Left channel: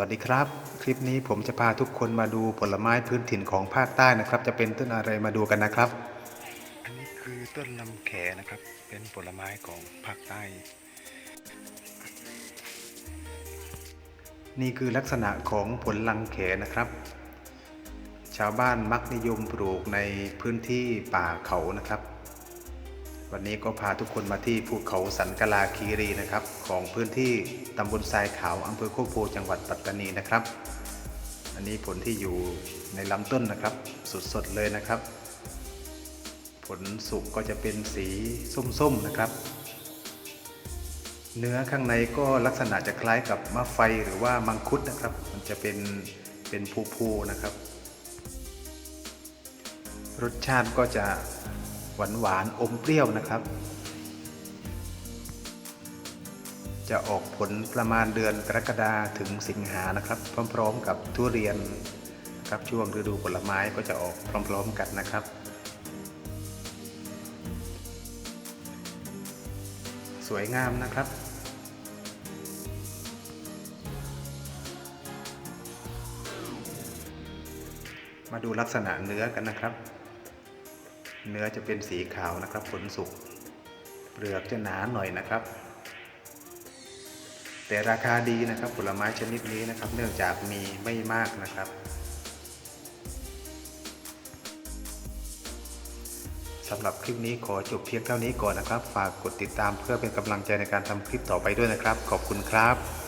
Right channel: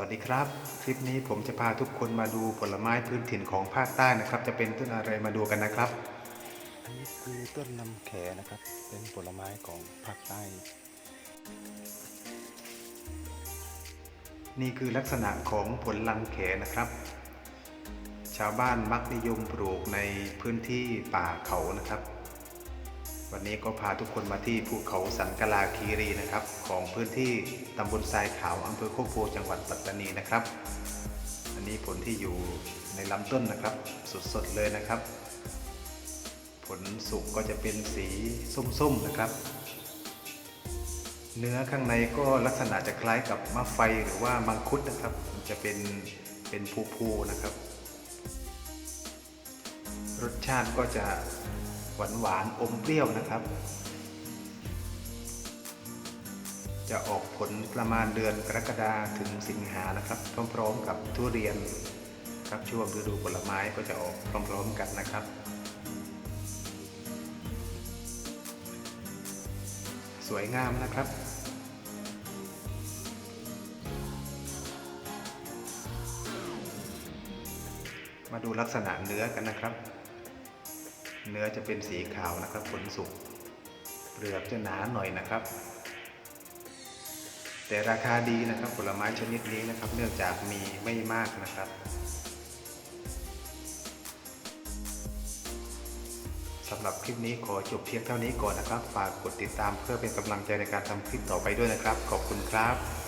วัสดีครับ คลิปนี้ผมจะพาทุกคนมาดูผลไม้พื้นถิ่นของภาคใต้นะครับ จะเป็นต้นอะไรมาดูกันนะครับ อันนี้คือต้นลำแขนะครับ เป็นผลไม้ของภาคใต้ นี่คือลักษณะของผลลังแขนะครับ ชาวบ้านมักนิยมปลูกในพื้นที่ป่าเขานะครับ วันนี้ก็พาทุกคนมาที่ภูเขาสันกลาคีรีนะครับ ของพื้นที่ตำบลทรายขาวอำเภอโคกโพจังหวัดปัตตานีนะครับ อันนี้ผลที่อยู่ในลำต้นนะครับ สดๆเลยนะครับ ผลสุกก็จะเป็นสีส้มๆนะครับ เนื้อข้างในก็ลักษณะจะคล้ายกับมะไฟหรือว่ามังคุดนะครับ มันจะเป็นเป็นภูๆนะครับ รสชาติก็จะ หวานหวานๆอมเปรี้ยวนะครับ จะออกผลประมาณเดือนกรกฎาถึงสิงหานะครับ พร้อมๆ กับทุเรียนครับช่วงฤดูผลไม้ก็จะออกพร้อมๆกันนะครับ สวยงามนะครับมาดูลักษณะเนื้อกันนะครับ เนื้อจะเป็นสีขาวนะครับผลสุกเปลือกจะหนาหน่อยนะครับ แต่ราคาดีนะครับผลไม้ชนิดนี้นะครับ เนื่องจากมีไม่มากนะครับ สำหรับคลิปนี้ขอจบเพียงเท่านี้ก่อนนะครับ ฝากกดติดตามเพื่อเป็นกำลังใจในการทำคลิปต่อไปด้วยนะครับ ขอบคุณครับ